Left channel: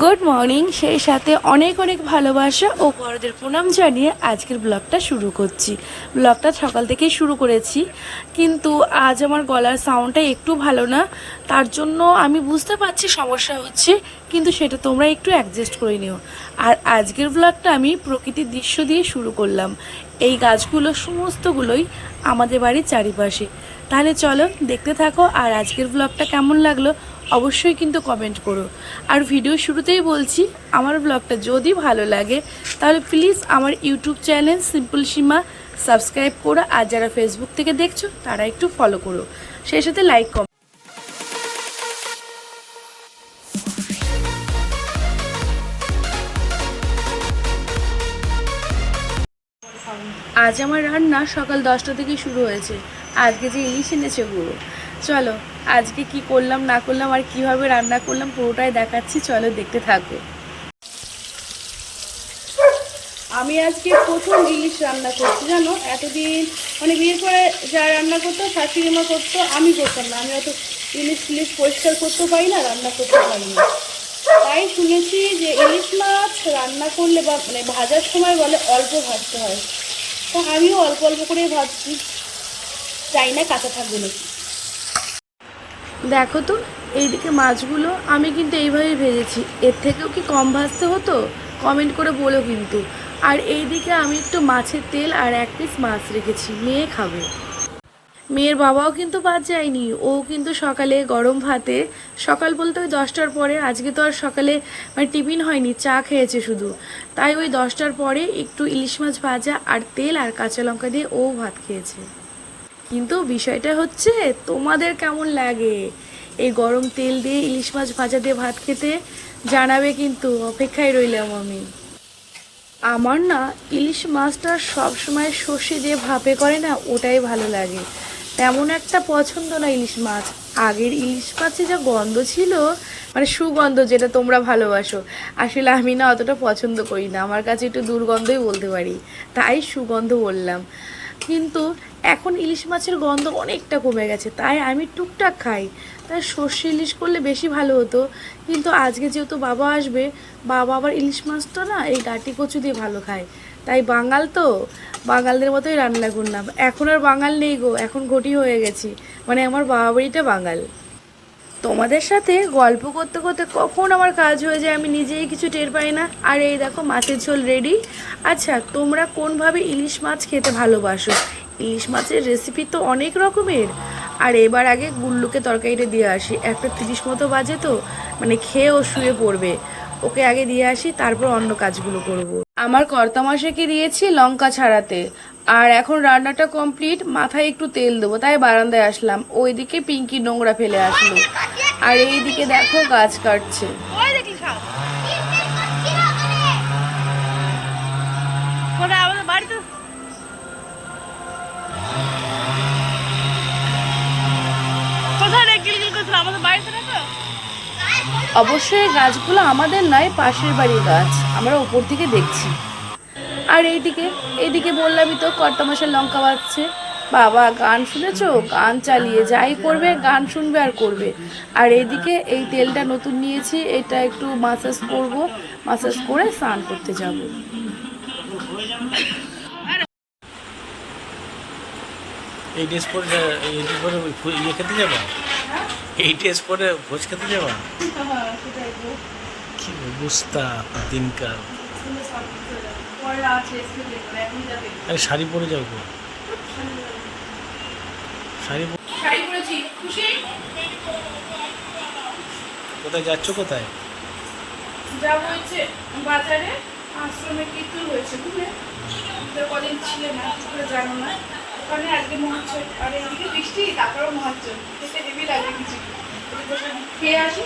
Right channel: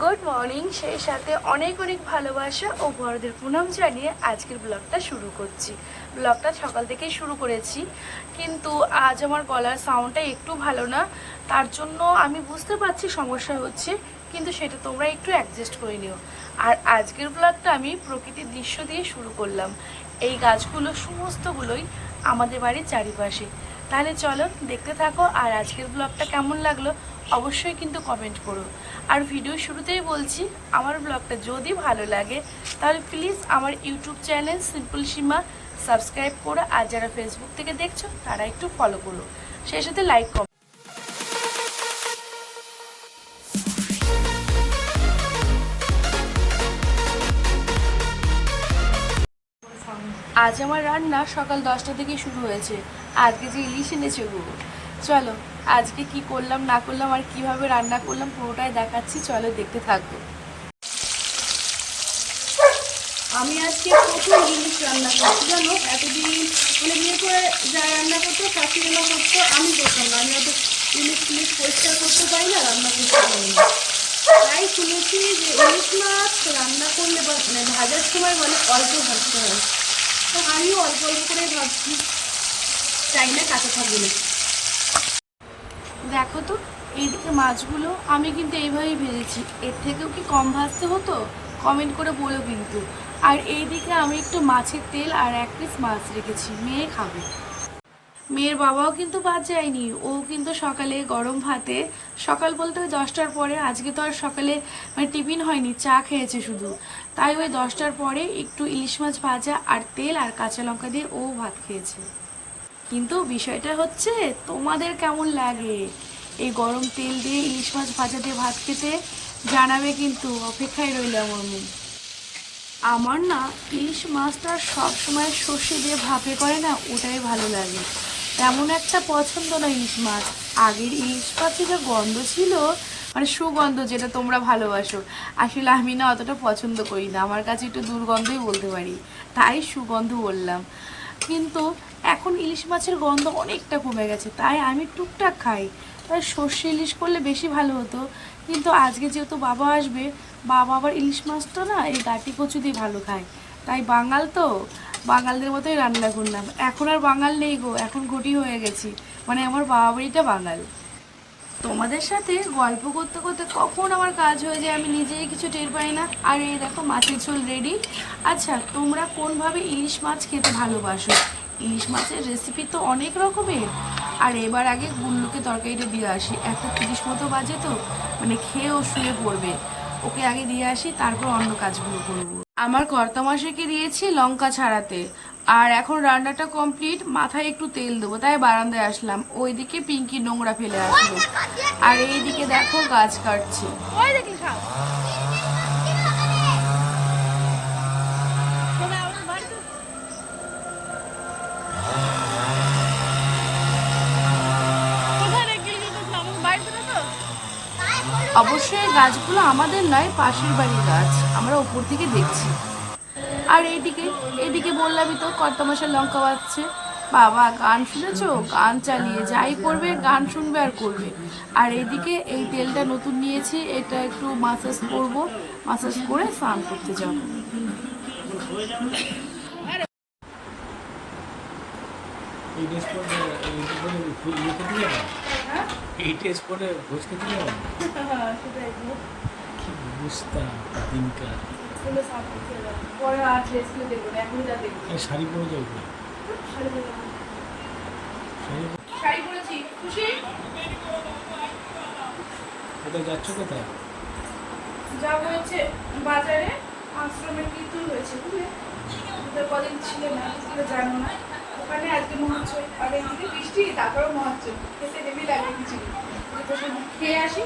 Good morning সেই সাথে অনেক অনেক ভালোবাসা ও বড়দের প্রণাম জানিয়ে আজকের ব্লগটা শুরু করছি। ব্লগটা সকাল থেকেই শুরু করেছি। কিন্তু আজ আমার গলার সাউন্ডটা একটু ভালো না। তার জন্য আমি বুঝতে পারছি সমস্যা হচ্ছে, কিন্তু সেটা তোমরা একটু অ্যাডজাস্ট করে নিও। আর আজকের ব্লগটা আমি প্রকৃতির দৃশ্য দিয়ে শুরু করলাম। এই গাছগুলো সমস্তগুলোই আমাদের বাড়ির চারিপাশে। তাহলে চলো দেখতে থাকো আর আজকের ব্লগটা কেমন লাগল অবশ্যই কিন্তু কমেন্ট করো। আর ভিডিও শুরুতেই বলছি, আমার ব্লগটা যদি ভালো লাগে, তাহলে প্লিজ আমার YouTube channel simple Seema subscribe করো, আর যারা ফেসবুক থেকে দেখছ, তারা একটু ফলো করো। সেই সাথে লাইক কম আজ আমার রান্না সকাল দশটা থেকে শুরু হয়েছে। আজকে যে ইলিশ এনেছে গো চলো আজকে কি করলাম, না করলাম, আর কীভাবে রান্না করলাম, পুরোটাই দেখাচ্ছি। চলো দেখতে থাকো। আমি আজকে প্রথম ইলিশ রান্না করছি, জানো? এতদিন মানে বিয়ের পরে যা রান্না করতো, শাশুড়ি মা করতো, আমি করতাম না। আমি অত ইলিশ টিলিশ পরিষ্কার করতে পারি না, রান্না করতে পারি না। তাই শুনেছি যে ইলিশ মাছ রান্না করলে বা মানে ভাজার সময় বলে অল্প ভাজতে হয়। তো আমিও অল্প অল্প করে ভাবছি চাই না কাঁচা থাকবে নাকি। দেখো তো, এইদিকে মাছগুলো আমি কিন্তু এইভাবেই ভেজেছি। এর থেকেও কি কম ভাজতে হতো? কমেন্ট করে বলো কিন্তু। আর এইদিকে আমি একটু মাছের তেল আর এক পিস মাছ রেখেছি, মেয়ে খাবে। মেয়ের বাবাও কিন্তু বাদ যায়নি, ও কিন্তু সকালে গরম ভাতে, সকাল বলতে ওই দশটার পরে, আজকে তো আর সকালে মানে টিফিন হয়নি, চা খেয়েছে শুধু। তাই ওই দশটার পরে একটু ইলিশ মাছ ভাজা আর তেল আর কাঁচা লঙ্কা দিয়ে ও ভাত খেয়েছে। কিন্তু বিষয়টা হচ্ছে, তোমাদের কেমন লাগে? এই গরম তেল দিয়ে ইলিশ মাছ ভাজা দিয়ে ভাত খেতে জানাবে কিন্তু, অপেক্ষায় রইলাম আমি। আমার না ইলিশ মাছটা সবসময় সর্ষে দিয়ে ভাপে করে না, ওটাই ভালো লাগে। তেমন একটা পছন্দ না ইলিশ মাছ। আগের ইলিশ মাছে যা গন্ধ ছিল মানে সুগন্ধ যেটা তোমরা ভালোবাসো, আসলে আমি না অতটা পছন্দ করি না। আমার কাছে একটু দুর্গন্ধই বলতে পারি। তাই সুগন্ধ বললাম। কিন্তু এখন ইলিশ মাছের গন্ধ অনেকটা কমে গেছে, তাই আমি টুকটাক খাই। তাই সর্ষে ইলিশ করলে বেশি ভালো হতো। কিন্তু আজকে যেহেতু বাবা আসবে, বাবা আবার ইলিশ মাছটা না এই গাটি কচু দিয়ে ভালো খায়। তাই বাঙাল তো, বাঙালদের মতোই রান্না করলাম। এখন আর বাঙাল নেই গো, এখন ঘটি হয়ে গেছি। মানে আমার বাবা বাড়িটা বাঙাল। তোমাদের সাথে গল্প করতে করতে কখন আমার কাজ হয়ে যায় আমি নিজেই কিছু টের পাই না। আর এই দেখো মাছের ঝোল রেডি আচ্ছা তোমরা কোনভাবে ইলিশ মাছ খেতে ভালোবাসো? ইলিশ মাছের রেসিপি তো অনেক রকমের। আর এবার আগে গুল্লুকে তরকারিটা দিয়ে আসি। একটা তিরিশ মতো বাজে তো মানে খেয়ে ও শুয়ে পড়বে। ওকে আগে দিয়ে আসি, তারপর অন্য কাজগুলো করব। আমার কর্তামশাকে দিয়েছি লঙ্কা ছাড়াতে। আর এখন রান্নাটা কমপ্লিট মাথায় একটু তেল দেবো, তাই বারান্দায় আসলাম। ওইদিকে পিঙ্কি নোংরা ফেলে আসলো। আর এইদিকে দেখো গাছ কাটছে। অবশ্যই গাছগুলো আমাদের নয়, পাশের বাড়ির গাছ। আমরা উপর থেকে দেখছি। আর এইদিকে এইদিকে বললামই তো কর্তমাসের লঙ্কা বাজছে বাবা, গান শুনেছো? গান চালিয়ে যাই করবে গান শুনবে আর করবে। আর এইদিকে এই তেলটা নতুন নিয়েছি, এটা একটু মাসাজ করব মাসাজ করে স্নান করতে যাব। এই ড্রেস পরে এই ড্রেস পরে ইয়ে খেতে যাবা? এই ড্রেস পরে ভোজ খেতে যাবা? কি অবস্থা দিনকাল? আরে শাড়ি পরে যাও গো। শাড়ি কোথায় যাচ্ছ কোথায়? যাব হচ্ছে বাজারে। আশ্রমে কীর্তন হয়েছে বুঝলে? কদিন ছিল না জানো না। ওখানে আজকে আর এদিকে বৃষ্টি তারপরেও খেতে হেভি লাগে কিছু। খেয়ে আসি।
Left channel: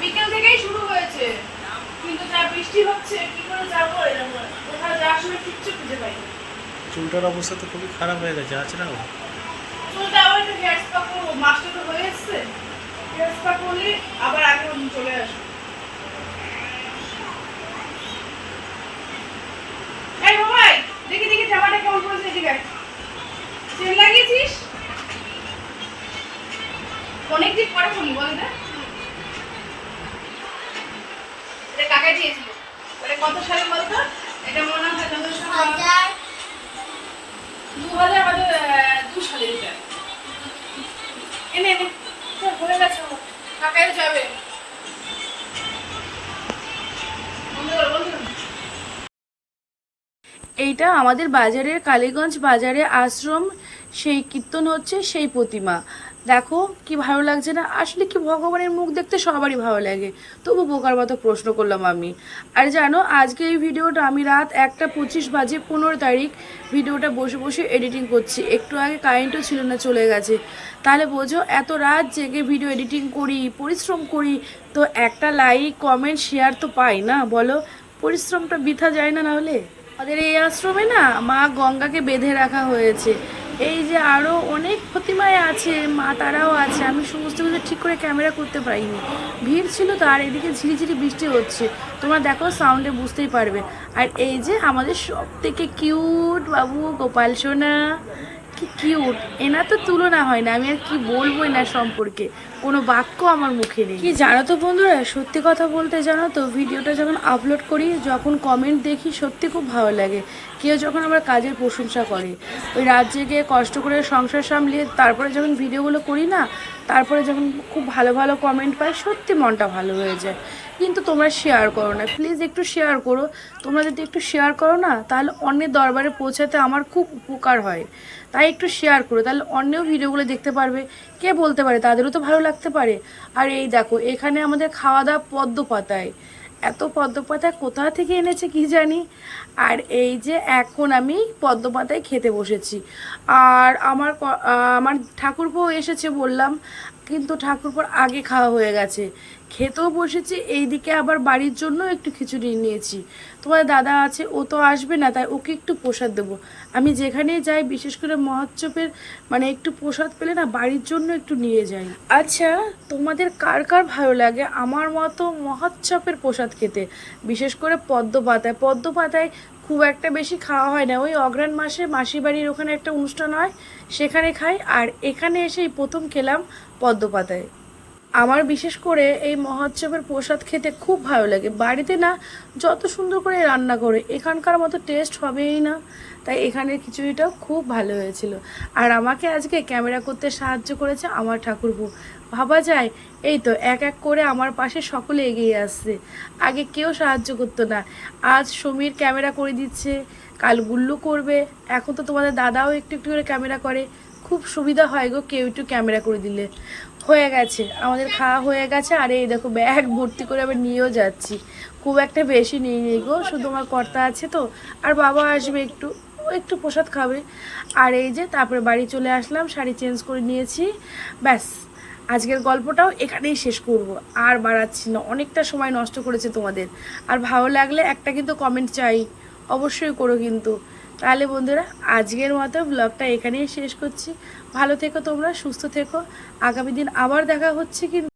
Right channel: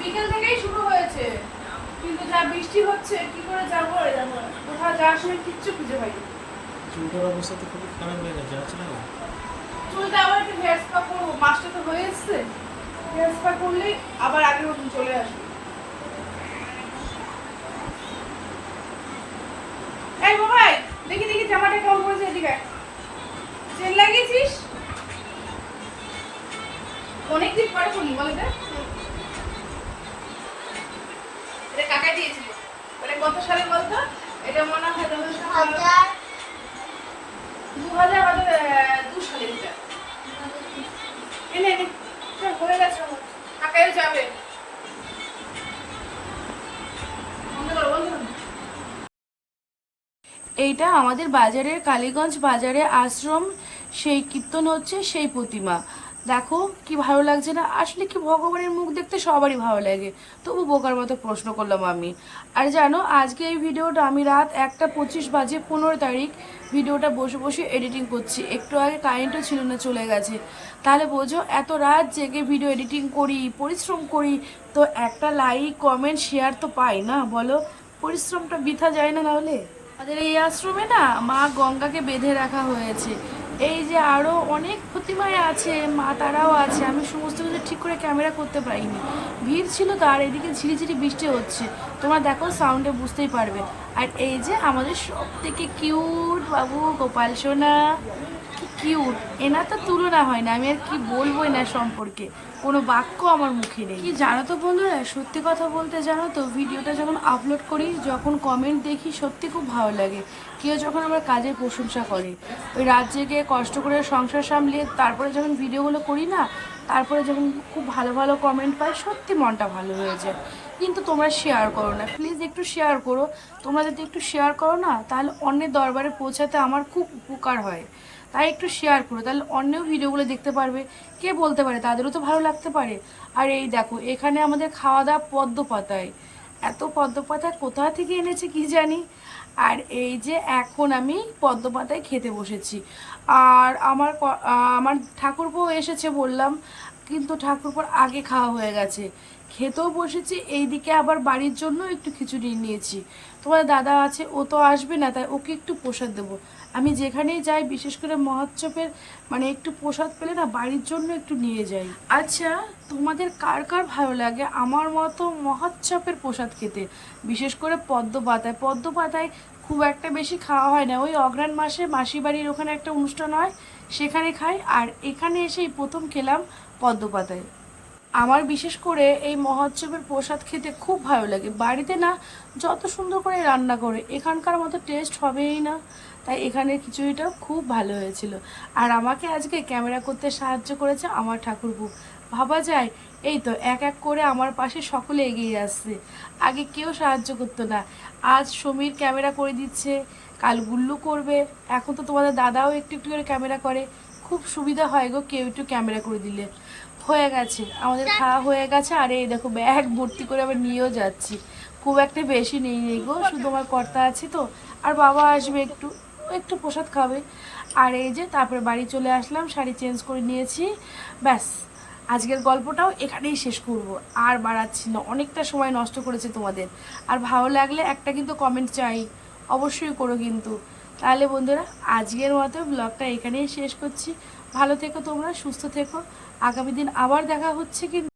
বিকাল থেকেই শুরু হয়েছে। কিন্তু যা বৃষ্টি হচ্ছে কি করে যাব এরকম কোথাও যাওয়ার সময় কিচ্ছু খুঁজে পাইনি চুলটার অবস্থা তো খুবই খারাপ হয়ে গেছে আছে না চুলটা আবার একটু হেয়ার স্পা করব। মাসটা তো হয়ে এসছে। হেয়ার স্পা করলে আবার আগের মতন চলে আসবে। এই বাবাই দেখি দেখি। আমারে কোন কোন সেটি ব্যাগ চেন লাগিয়েছিস? অনেক দিন পরে খুলি বল এটা। কাকা দিয়েছিল। মানে কত সালে বলতো? এটা মনে হয় দু হাজার দু হাজার আমাদের দু সালে এটা। এনে এনে। ভুলে গেছে। কাকাই যাবে। এইটা আমাদের বাজারের কালীগঞ্জ বাজারে আশ্রম, সেই কীর্তন হচ্ছে, সেই প্রতিমা। দেখো কি ভালো লাগছে না? আসলে কি ভগবানের মুখ দেখতে সবারই ভালো লাগে। তবু বোকার মতো প্রশ্ন করলাম আমি। আর জানো, আজকে এই ভিডিওটা আমি রাত একটা পঁচিশ বাজে পনেরো তারিখ ভিডিওটা বসে বসে এডিটিং করছি। একটু আগে কারেন্টও ছিল না, চলে গেছে। তাহলে বোঝো, এত রাত জেগে ভিডিও এডিটিং করি, পরিশ্রম করি, তো একটা লাইক কমেন্ট শেয়ার তো পাই না। বলো, পরিশ্রমটা বৃথা যায় না নাহলে আমাদের এই আশ্রমে না মা গঙ্গাকে বেঁধে রাখা হয়েছে। এই যে আরও অনেক প্রতিমায় আছে, মা তারাও আছে, আমি সমস্ত কিছু ঠিক করে ক্যামেরা করতে পারিনি। ভিড় ছিল তো আর এদিকে ঝিরিঝিরি বৃষ্টি হচ্ছে। তোমরা দেখো সাউন্ডে বুঝতেই পারবে। আর এই যে আমাদের সব থেকে কিউট বাবু গোপাল সোনা। কি কিউট? এনা তো তুলনা হয় না, আমি আর কি বলব এনার সম্পর্কে? কোনো বাক্য আমার মুখে নেই। কি জানো তো বন্ধুরা, সত্যি কথা বলতে জানো তো, ভিডিওটা যখন আপলোড করি, যখন কমেন্ট দেখি, সত্যি খুব ভালো লাগে। কেউ যখন আমার কাজের প্রশংসা করে, ওই রাত জেগে কষ্ট করে সংসার সামলিয়ে তারপরে যখন ভিডিওগুলো করি না, তারপরে যখন খুব ভালো ভালো কমেন্ট পাই, সত্যি মনটা ভালো হয়ে যায়। কিন্তু তোমরা শেয়ার করো না। প্লিজ একটু শেয়ার করো। তোমরা যদি একটু শেয়ার করো না, তাহলে অন্যের দরবারে পৌঁছাতে আমার খুব উপকার হয়। তাই একটু শেয়ার করো, তাহলে অন্যও ভিডিওগুলো দেখতে পারবে। কে বলতে পারে? তাদেরও তো ভালো লাগতে পারে। আর এই দেখো, এখানে আমাদের খাওয়া দাওয়া পদ্ম পাতায় এত পদ্ম পাতায় কোথা থেকে এনেছে কি জানি? আর এই যে এখন আমি পদ্ম পাতায় খেতে বসেছি। আর আমার আমার ঠাকুরপো এসেছে বললাম, কিন্তু ঠাকুরপোর আগে খাওয়া হয়ে গেছে। খেতেও বসেছি, এইদিকে আবার বাড়ির জন্য একটু খিচুড়ি নিয়েছি। তোমার দাদা আছে, ও তো আসবে না, তাই ওকে একটু প্রসাদ দেবো। আমি যেখানেই যাই, বিশেষ করে মহোৎসবের মানে একটু প্রসাদ পেলে না, বাড়ির জন্য একটু নিয়ে যাই। আচ্ছা তোমাদের কার কার ভালো লাগে? আমার মতো মহোৎসবের প্রসাদ খেতে, বিশেষ করে পদ্ম পাতায় পদ্ম পাতায় খুব একটা বেশি খাওয়া হয় না। ওই অগ্রাণ মাসে মাসি বাড়ির ওখানে একটা অনুষ্ঠান হয়, সেখানে খাই। আর এখানে এসেই প্রথম খেলাম পদ্ম পাতায় আমার বিশেষ করে এই মহোৎসবের প্রসাদ খেতে খুব ভালো লাগে। বাড়িতে না যত সুন্দর করে রান্না করে, এখানকার মতো টেস্ট হবেই না। তাই এখানের খিচুড়িটাও খুব ভালো হয়েছিল। আর আমাকে আজকে ক্যামেরা করতে সাহায্য করেছে আমার ঠাকুরপো। ভাবা যায়, এই তো এক এক করে আমার পাশে সকলে এগিয়ে আসছে। আগে কেউ সাহায্য করতো না। আজ সমীর ক্যামেরা করে দিচ্ছে, কাল গুল্লু করবে। এখন তো তোমাদের দাদাও একটু একটু করে ক্যামেরা করে। খুব সুবিধা হয় গো কেউ একটু ক্যামেরা করে দিলে। হয়ে গেছে, আমাদের খাওয়া হয়ে গেছে, আর এই দেখো ব্যাগ ভর্তি করে আবার নিয়েও যাচ্ছি। খুব একটা বেশি নিয়ে নেই গো, শুধু আমার কর্তা আছে তো, আর বাবা আসবে একটু একটু প্রসাদ খাবে। আর এই যে তারপরে বাড়ি চলে আসলাম, শাড়ি চেঞ্জ করে নিয়েছি, ব্যাস। আজকের গল্পটাও এখানেই শেষ করব, আর বাড়াচ্ছি না, অনেকটা সময় নষ্ট করেছে তোমাদের। আর ভালো লাগলে একটা কিন্তু কমেন্ট চাই, অবশ্যই করো কিন্তু। তাহলে বন্ধুরা, আজকের মতো ব্লগটা এখানেই শেষ করছি। ভালো থেকো তোমরা সুস্থ থেকো। আগামী দিন আবার দেখা হচ্ছে কিন্তু